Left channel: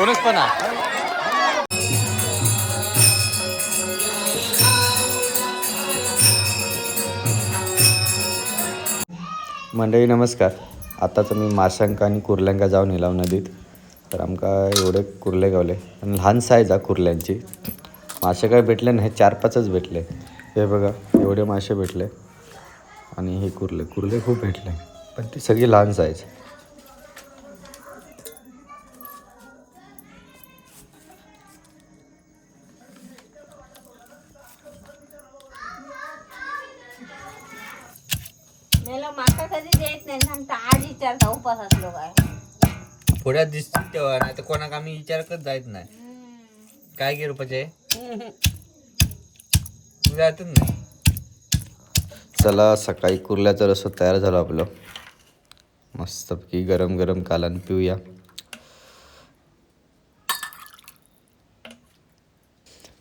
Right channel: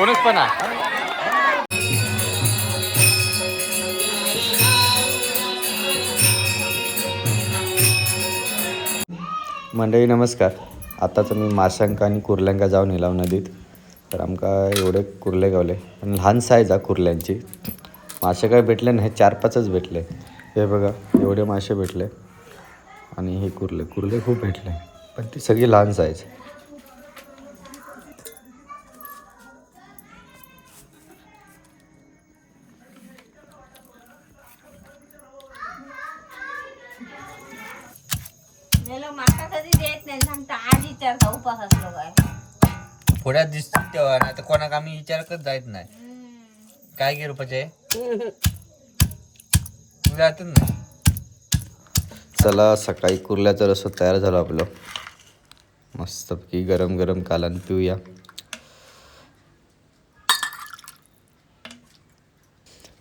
Bonus पण आहे मंडळी नमस्कार. आताच मी माशांका आणि कुर्ल्यांका जाऊन येलाव हो नदीत. तर आमका एवढे कुर्ले गावले. आणि लहान साईज हा कुर्ल्यांची. मासे काय भेटले नाही चार पाचच भेटले. हे बघा एवढे मासे भेटले. आणि हे कुर्ले. कुर्ले खूप भेटले. पण ती सगळी लहान साईज. माका कधी देत नाही सांगता आज विचारतो उपास असलो काय पुढ्यात दिसतील तेव्हा नाही तर कोणाक आम्ही विचार करत जायत नाही. काय की रुपयाचे जातच नाही. चला सकाळी कुर्ल्याचा रस्सा तयार झाला आपलं. मस्तपैकी गरम गरम कालन पिऊया.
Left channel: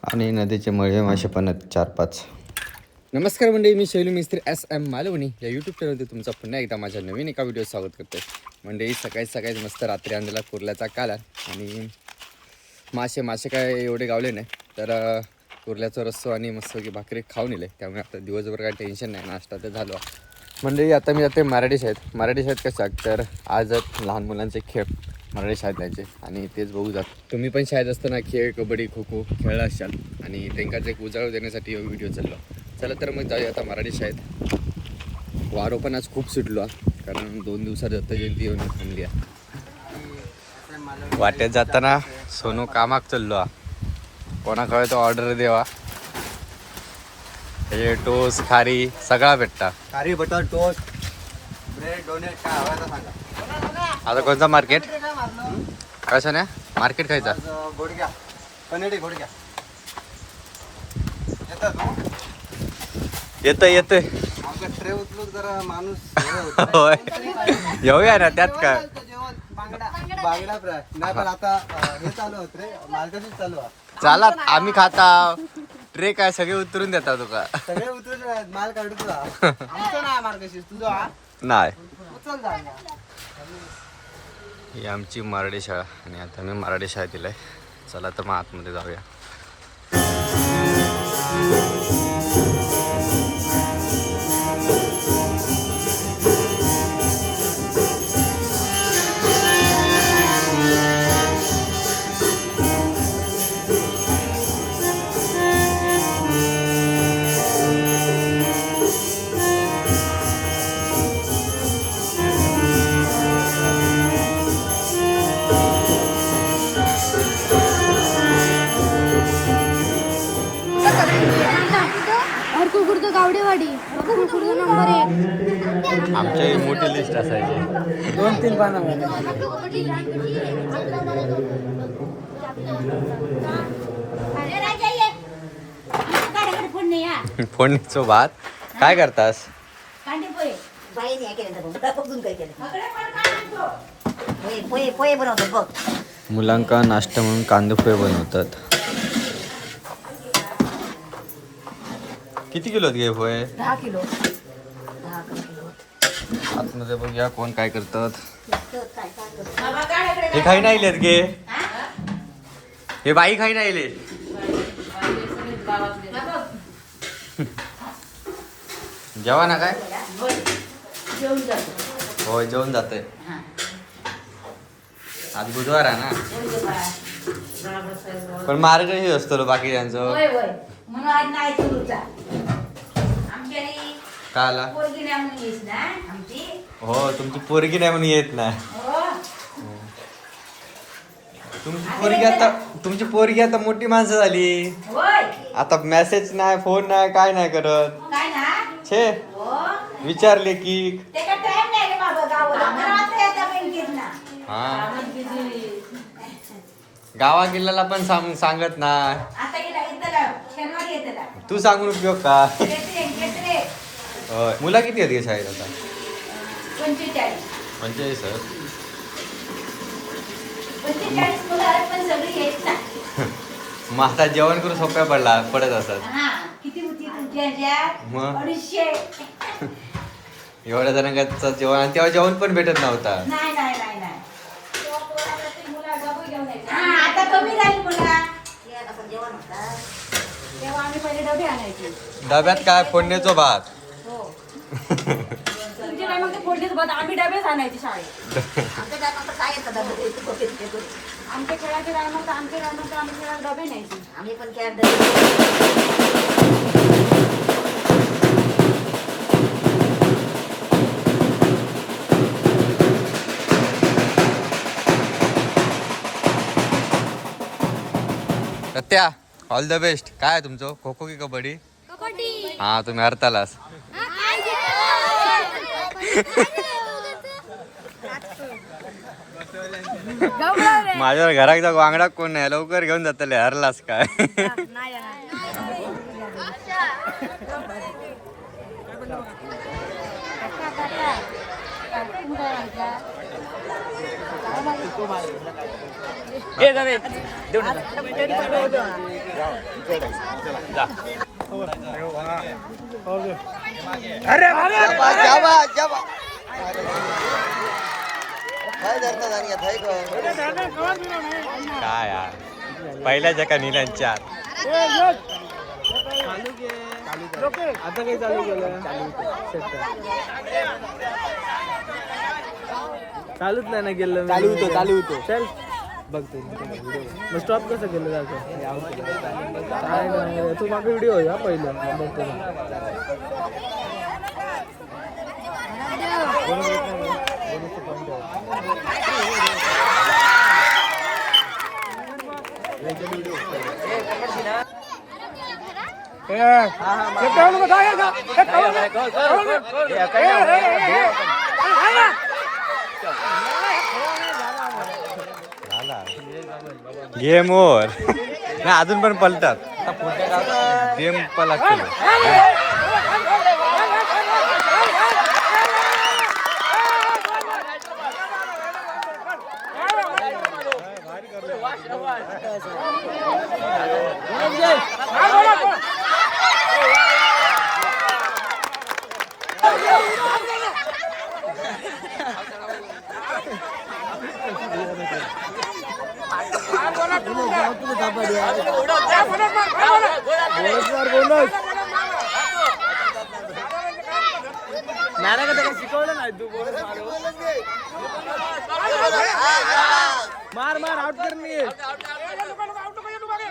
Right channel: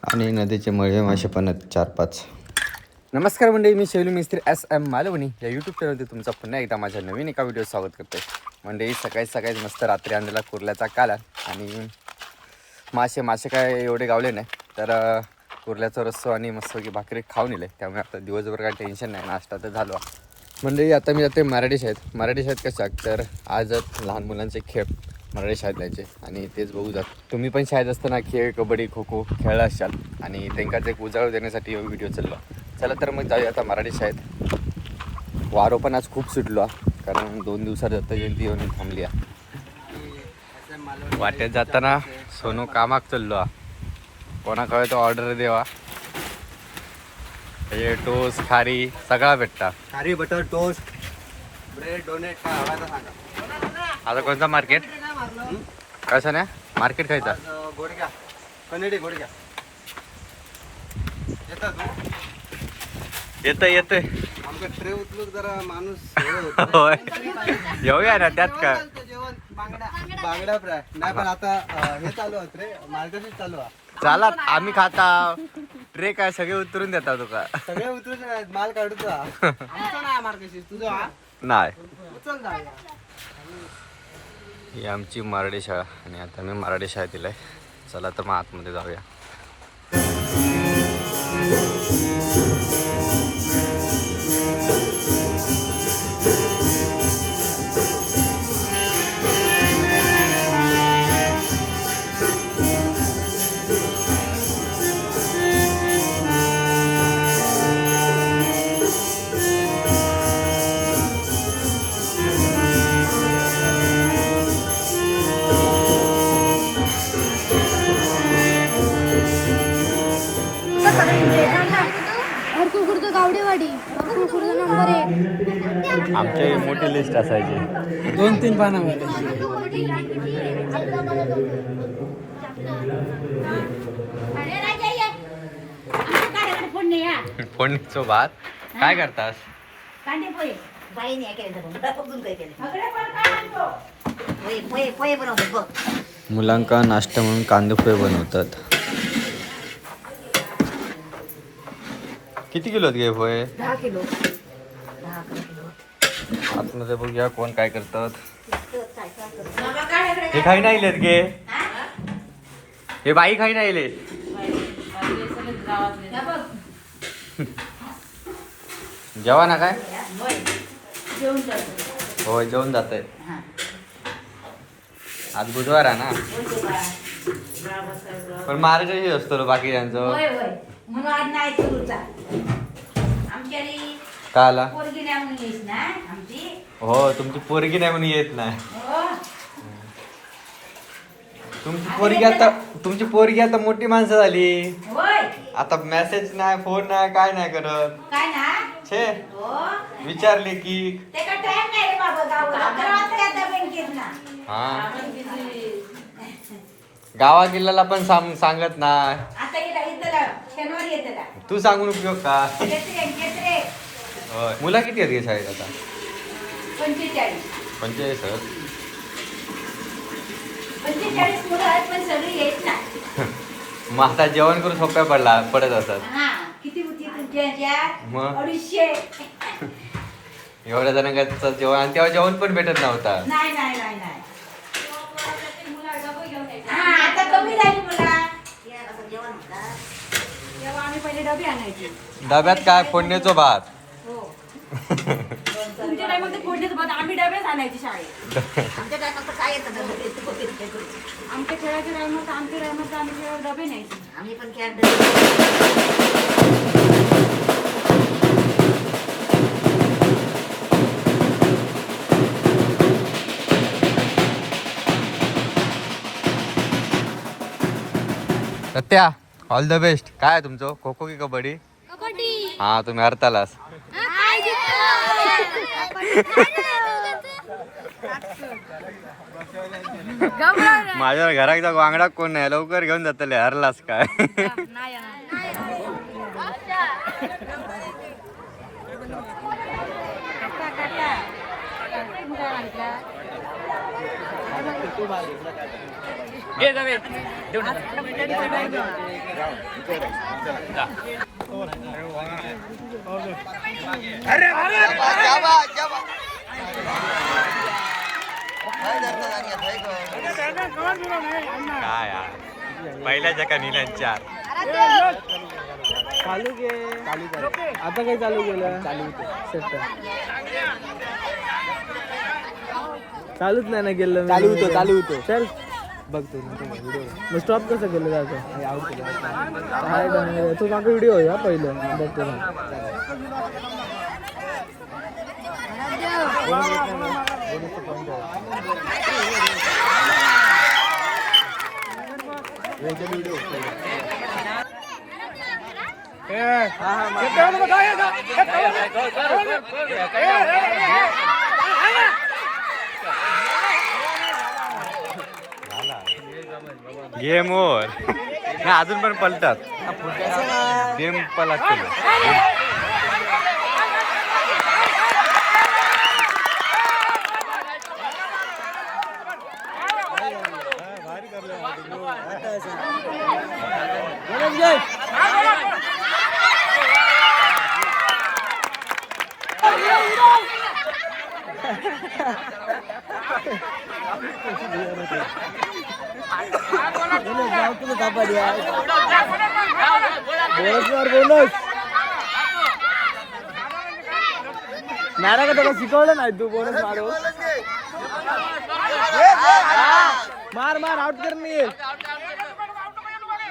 आणि नदीचे मळे मासे पण आहेत चार पाच. नमस्कार मंडळी मी शैली मिस्त्री एस एम मालवणी. या यूट्यूब चॅनलवरती तुमचं पुन्हा एकदा माझ्या नवीन एका व्हिडिओ स्वागत करते मंडळी सकाळी सकाळी मस्त रात्री आणलेला कुर्ल्याचा काला आणि मासे मासे काय एवढे गावले नाही. तर कुर्ल्याचा रस्सो आणि मस्तपैकी भाकरी खाऊन येले. त्यामुळे आता दिवसभर काय टेन्शन नाही नाश्ता तर झालो. मंडळी आता मी जाते मराठी शाळेत. मराठी शाळेत कसं तर आज लहान मुलांचे खेळ मराठी शाळेत त्यांचे आणि तेच बघू जात. तुम्ही पण शाळेत असताना खेळ कबड्डी खो खो खेळला असाल आणि त्यांना एक उजाळ देण्यासाठी व्हिडिओ चाललो. चला तर मग जाऊया आता मराठी शाळेत. वारो पण आज खूप सुटलो. कारण दोन दिवसात दत्त जयंती येऊन थांबली. वाटेत जाताना सोनू कामाक चाललो. कोणाकडे तो ऑर्डर देवा. हे टोस खारी सगळा भेटता. खारी बटर टोस्ट ब्रेड डोनेट आता कोणता मार्केट कसं नाही मार्केट खायचा गोडग्या कनेडी गोडग्या येतात ना येतं येतं आमचा ट्रे उचलून जरा माणूस हे होतं. होय. येऊया ना त्यात काय जेवण बांगडा बांगडा फ्राय. नाही पण आता अं, हे चालू आहे रे मार्केट चालू आहे. चाला आम्ही खाता. ट्रे काय सगळे उतरून देता तुका सगळे उतरून माल काढतो हा. आमचं नाही तुझा हा? नाही. उचल जाऊया. ही आमची मराठी शाळा आणि आता मी मराठी शाळेत दिलाय चला तर मग आतमध्ये जाऊया. कुकुर्द गावडेवाडी नंबर एक. आमच्या मोठी लिस्ट असायची. दोन तीन हा फोनचो भात काय करतास कांदे पोहे बाईने हे केलं तर बघ बघून काय केलं अकडे पण काय आणतो पोहे पोहे पोहे बनवते बघ मुलांका नाश्ता म्हणून कांदे पोहे बनवतात. किती किलो घे पोहे दहा किलो. दहा किलो. आतमध्ये बघूया कोण काय करतात. हे खाई नाही लेत गे. हे? बाई खाई नाही ले जेवा ना काय? जातो होय जेवण जातंय. हा आज बुधवार आहे ना? पण मार्ग हे असतो बाकी त्यांचं का आला? पोरगी नाही म्हणून येईस ना आमची. हो तुमची पोरगी नाही म्हणून येत नाही. हो. तुमची पोरगी आता तुमची पोरगी आता मोठी माणसं झाली. आता मेसेज नाही फोन नाही काय नाही करत. छे. हो. विचारले की. हा. गावा किल्ल्याला पण सांग सांगत नाही. तू सांगून उपयोग का. मुला किती आहेत शाळेत आता? पंचेचाळीस. सर मग आता जेवण करून सोप्या पडला पडत असत. एवढ्या जणांचं जेवण आणि तेव्हा जेवण पण भेटत नव्हता. डब्यात काय? फोडण्याचं भात. तुमचे काय मग ते फोडणीच बघ आम्ही डबेच आणायचे शाळेत. आमच्या काय आता काय येतं डबे? ते बघ, ते करू. आमच्या खेळाचे राहिलं होतं आमचे राहिलं होतं आम्ही खेळात डबे न्यायचे. आम्ही पण खेळ सत्या ऑल द बेस्ट काय आहे तुमचं? खो खो की कबड्डी? कबड्डी. हा तुम्ही हरतालास. माझ्या घरात वांगडा कोण नाही लवकर घेऊन जातले हरलास काय? काय यार पहिल्या जगा निघाल चार. चालू घे आता काही चालू केलं चालूच नाही ना केलं चालू होतो चालू होतो. चल. बघतो मग स्टॉप कसं केलं जातं तू मागे व्हिडिओ आहे हा पहिलं हा, बघतो ना. गेम ओव्हर नाही अजून पण पलतात पुढच्या डावात गेम पलाच केलं नारा का त्याला शिकवलं नाही तू बोनस मार मार आउट कर मी ए रुद्राजा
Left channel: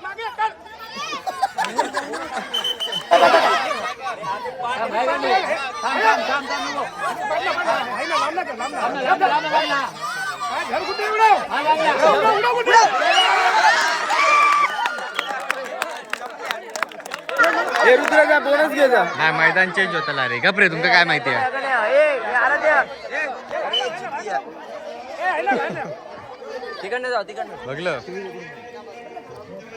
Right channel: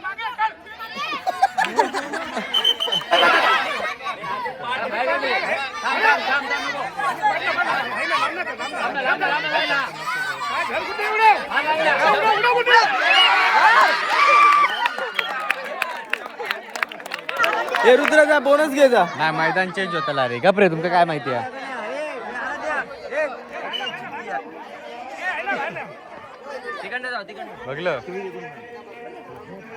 बोनस घे जा नाही मैदान चेंज होता रे. गपरे तुमका काय माहिती आहे? बघलं.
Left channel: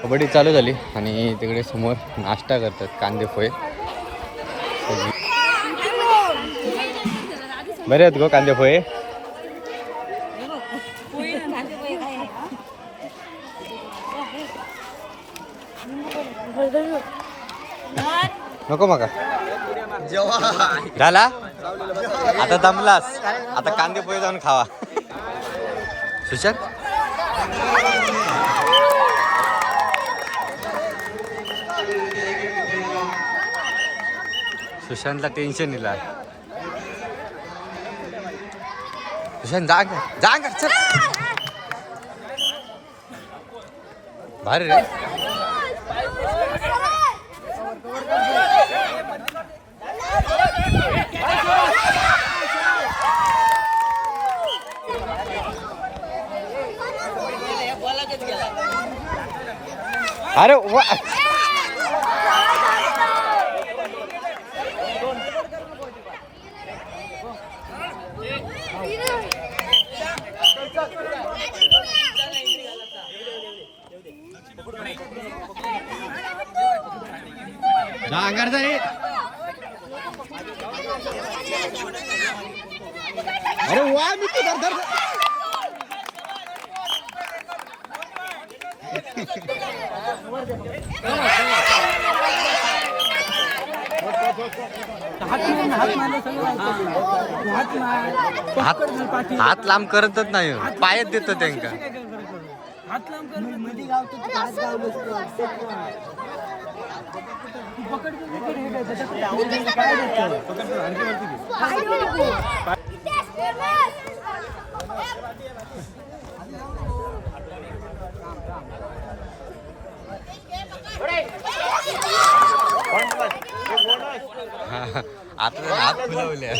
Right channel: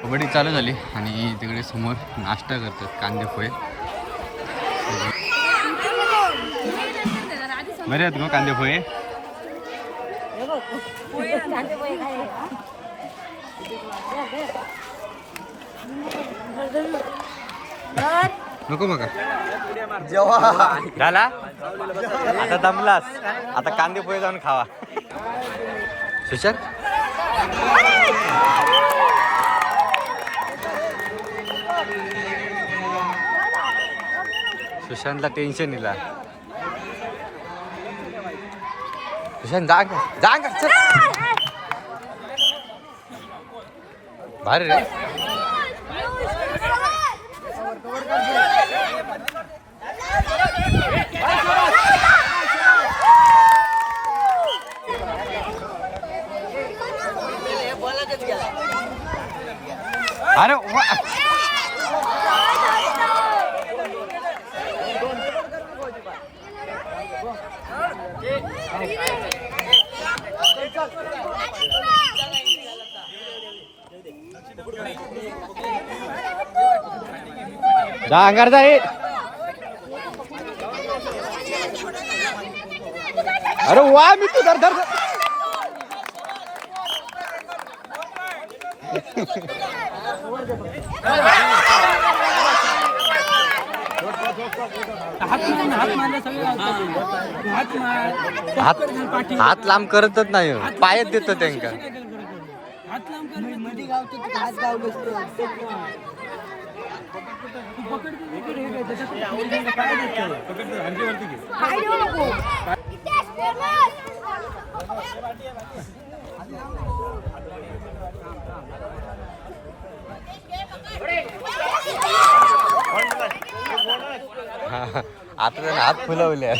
कबड्डी चालू झाली आणि तिकडे समोर नाश्ता करतात कांदे पोहे. बरे आहेत गो कांदे पोहे. नको मग. झाला? आता दमलास. आता कांदे पोहे जाऊन खावा. सुशांत? सुशांतला टेन्शन इला सुशांत जा अंगा, जा अंगा, चल भारी रे अरे वा जा अंगार अरे वा मी तू धर धर हात हात लांब करतच नाही हो. पायच देतो त्यांका. हा, आता त्यानं हात फुलवले.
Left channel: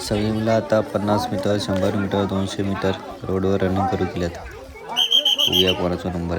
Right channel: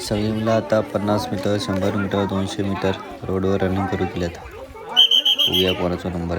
सगळी मुलं आता पन्नास मीटर शंभर मीटर दोनशे मीटर रोडवर रनिंग करू दिल्यात. बघूया कोणाचा नंबर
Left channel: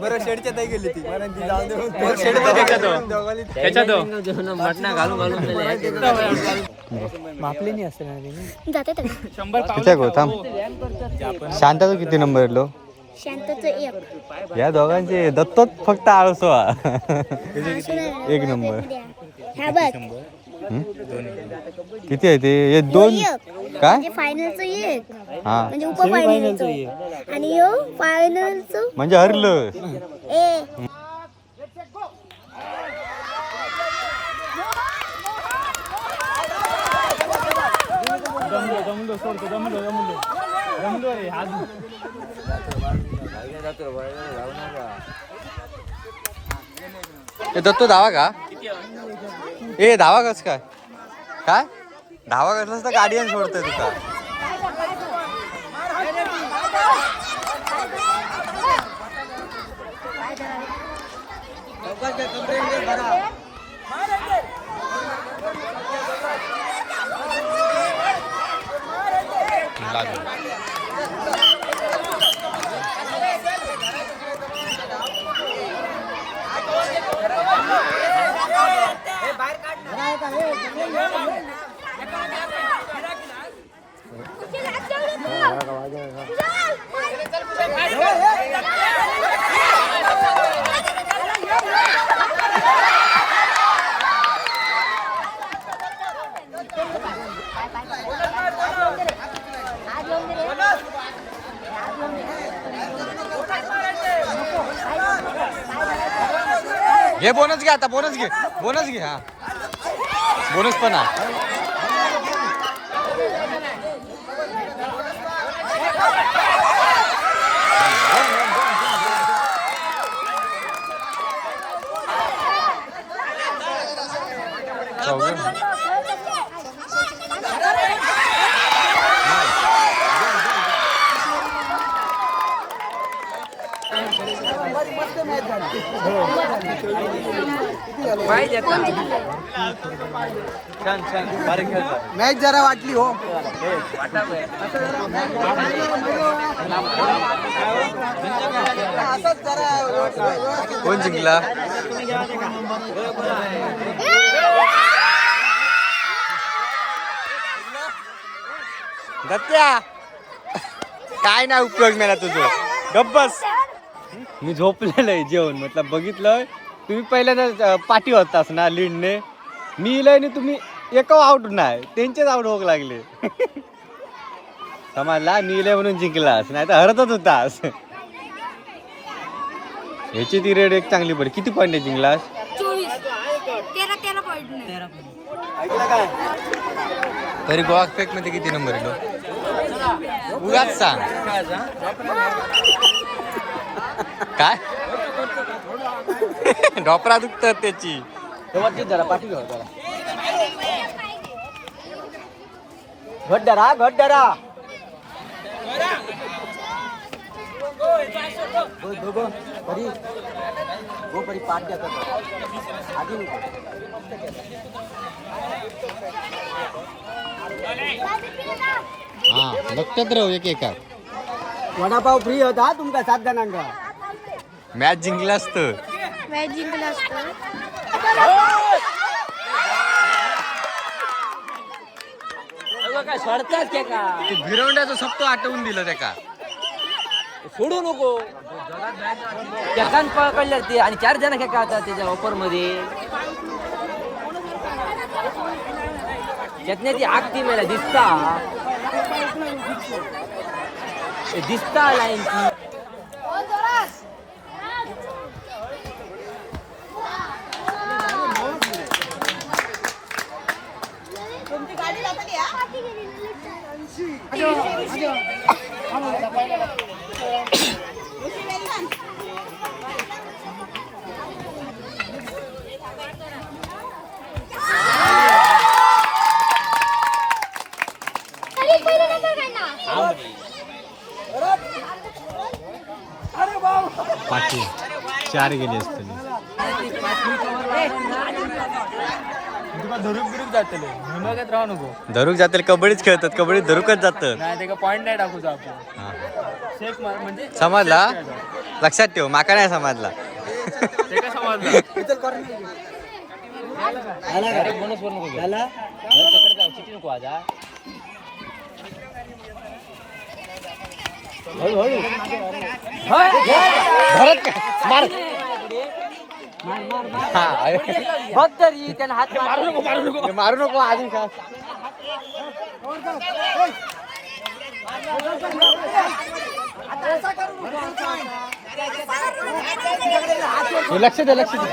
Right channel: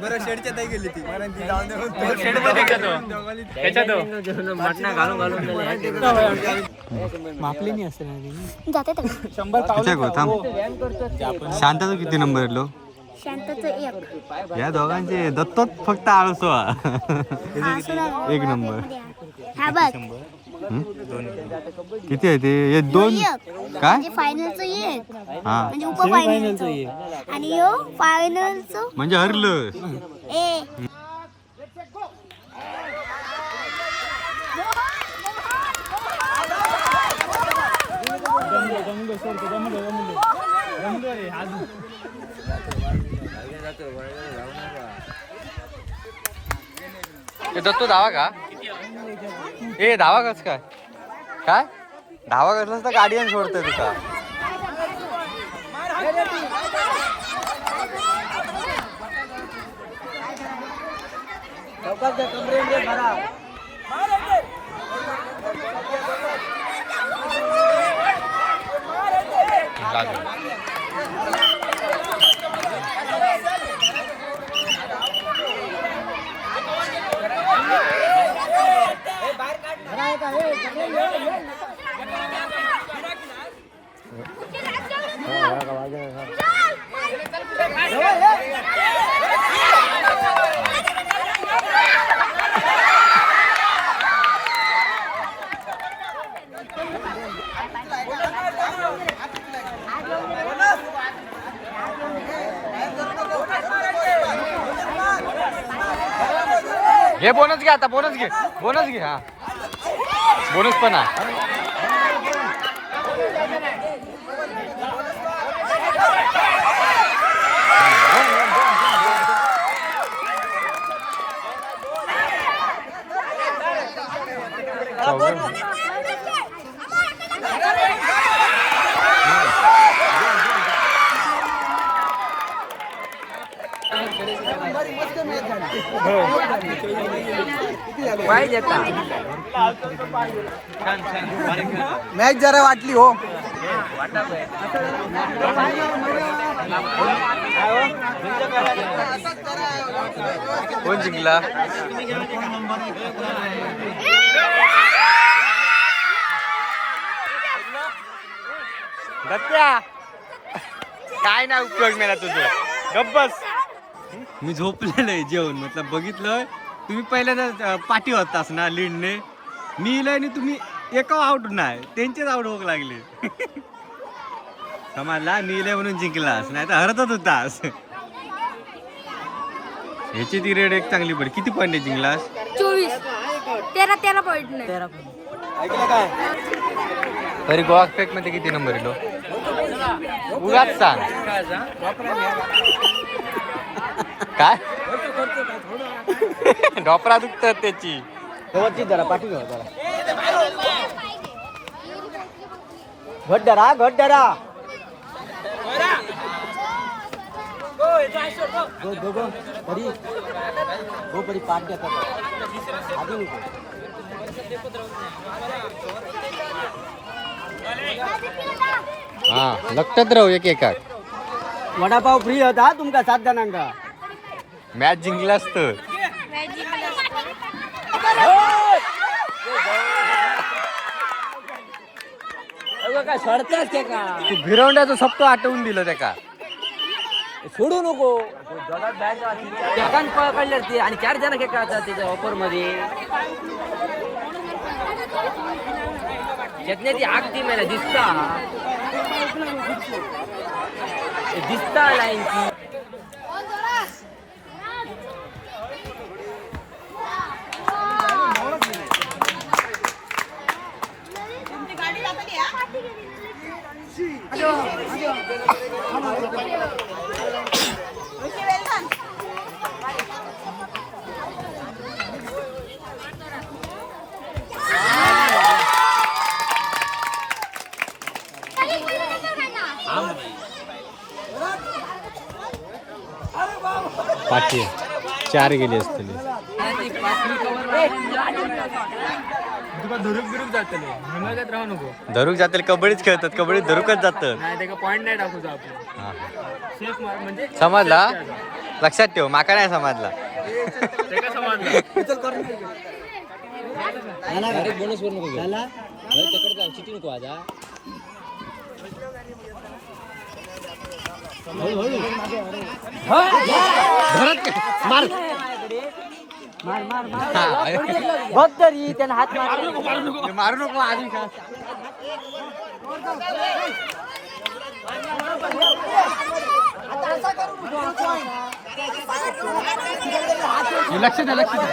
बरं शेडच्या ताई गेली ती. मापले नाही असते ना जाते ते. किती गौतम शांताचं किती नंबर एक. या दोघांचे दत्तोच फक्त आळसो हा. हा. एक नंबर. हा बघ. हं? किती आहे ते? हे दोन काय? म्हणजे फायनलचं एक हा. म्हणजे उप फायनलचं आणि यो फायनलचं म्हणजे हरलं. ए. जमलो जमलो सोडतो जमलो जमलो जमलो रे आज ए दत्तो धावा का? ए धावा कस काय? काय? धावा कसलास तर गाडीयन सोडतोय तुका बाहेर हे बोनस घे आता बोनस घे. बोनस घे हा. बोनस पण आहे मॅच जरा वाटली हो. कोण जिंकला? दत्त्या काय नाही उपयोग मेला तुझं? गप्पस मी झोपलेलं आहे जेवण म्हटलं बघितलं. तुम्ही पहिल्यांदा पाठी होतास ना लीडने. मी इलंय तुम्ही एका आउट नाही त्यांचेच आउट होक लागले. समजला? मी इलंय म्हणून जिंकलास नाही तर हरतच होतास. ह्याची ती रेड एक चांगली पडली. किती पॉईंट जिंकलास? चोवीस. तेरा तेरा पॉईंट तरी गोवा फेकमध्ये किती नंबर येलो उगाच सांग. काय? डॉपरा दुखतात त्याची. घट धरा घट धरा हा लक्षात राहू एक एकाक वडापाव फ्री होता तुमका सात जणांका. मॅच जिंकला असतं. सोडतात के का? तू भिरवंड्याचं सप्तो आठवून दिलं त्या का? सोडू नको. एकान पकडल्या ते आणि चार जण खेळतात आता त्याच्या ऑफरमध्ये त्यातल्या ती आग ती मला दिसता. दिसता लाईन ती. पाठी चार गेले असतील तुका धरूक बिरूक जातले. हिमागत राहू नको. धरूक जातील कबड्डीच खेळतात कबड्डीत धरूकच जातात नाही ते पॉईंट नाही टाकू आपण. हा. सेफ मार म्हणजे समजला? लक्षात ठेव माका नाही समजला. ते काय समजलं? हा. धरत का? मार. मार मार मार. हा, अरे. बघ तरी त्यानं हात. मारू नको अजून का? लक्ष दे लक्ष दे.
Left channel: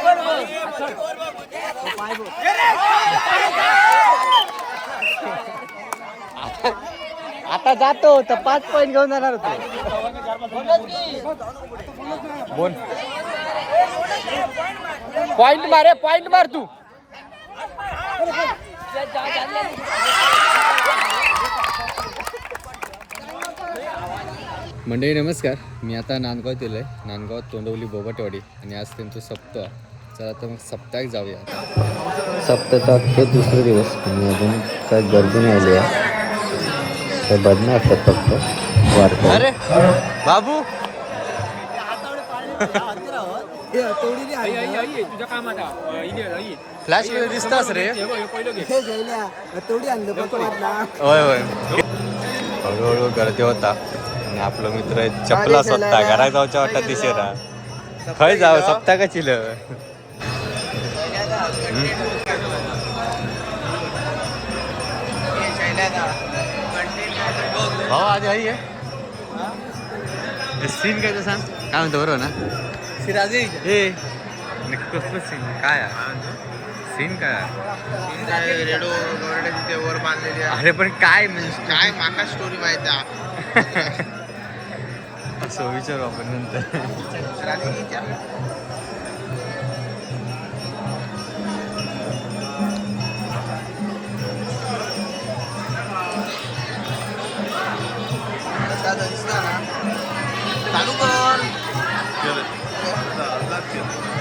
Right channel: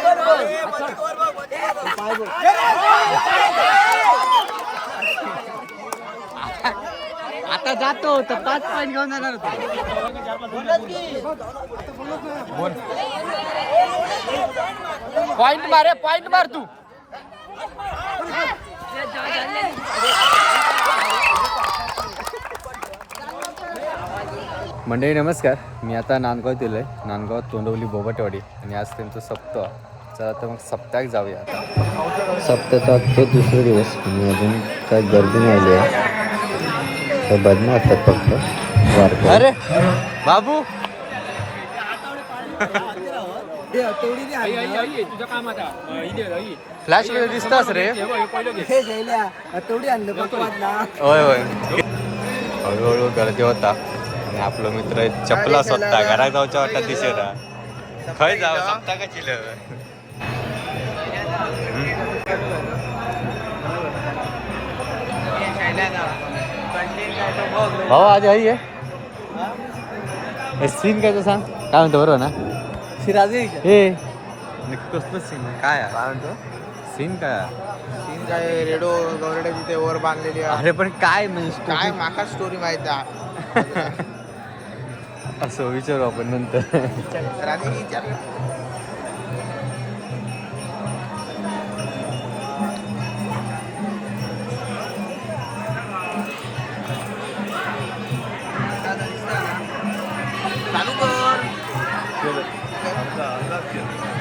आता जातो तर पाच पॉईंट घेऊन जाणार होतो. पॉइंट मार पॉइंट मार तू. मंडळी नमस्कार. मी आता नांदगाव दिलं आहे. नांदगाव तोंडवली बोबटवाडी आणि आज त्यांचं सप्ताह चला तर मग सप्ताह जाऊया आता. सप्ताहाचा आजचा दुसरा दिवस आणि अजून काय गर्दी नाही आली आहे. तर बदना असतात फक्त. वारकरी. अरे बाबू. तुझ्या कामात फ्लॅशमध्ये दिसतास रे. हे आणलं होय होय. हळूहळू गर्दी होता. आणि आपलं मित्र चपला स्वतः घरात जाऊच्या वाटत दिसेरा खय जाव सप्ताह का चिल? भाऊ आधी आई आहे सीन काय ते सांग? काय म्हणतो बरोबर ना? सिराजी हे कसलं सीन काय आहे? काय म्हणतो? सीन काय आहे? रेडो गवड्याच्या तिथे वर बांधलेली अरे पण काय म्हणजे काय माका स्टोरी माहिती आहे? असं विचारू आपण नंतर. राणी विचारलं Yeah.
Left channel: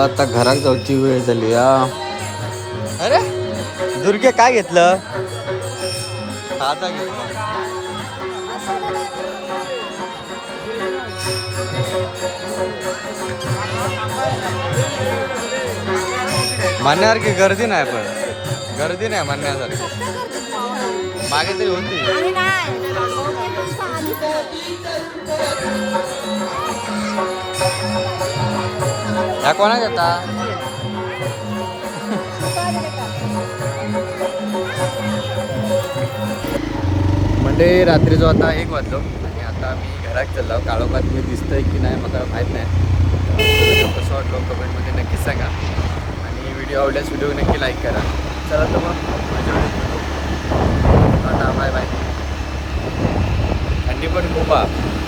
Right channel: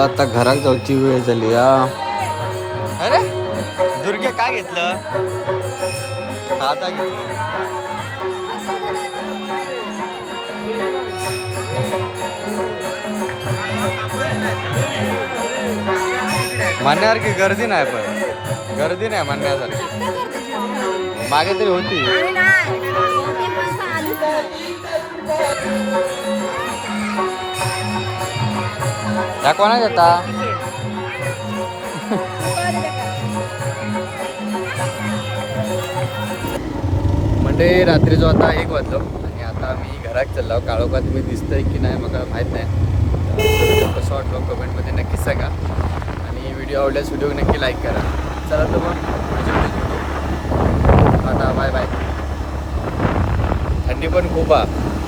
चला आता घरात जाऊची वेळ झाली या अरे दुर्गे काय घेतलं? साधा घेतलं. म्हणण्यासारखी गर्दी नाही पण. गर्दी नाही म्हणण्यासारखी. मागे तरी होती. ह्या कोणा येता म्हणजे रात्रीचो आता एक वाजलो आणि आता मी घरात चाललो. काळोखात तुम्ही दिसतंय की नाही मला माहीत नाही कसं वाटलो कमेंटमध्ये नक्कीच सांगा. आणि व्हिडिओ आवडल्यास व्हिडिओ नक्की लाईक करा. चला तर मग आता बाय बाय थंडी पण खूप आहे.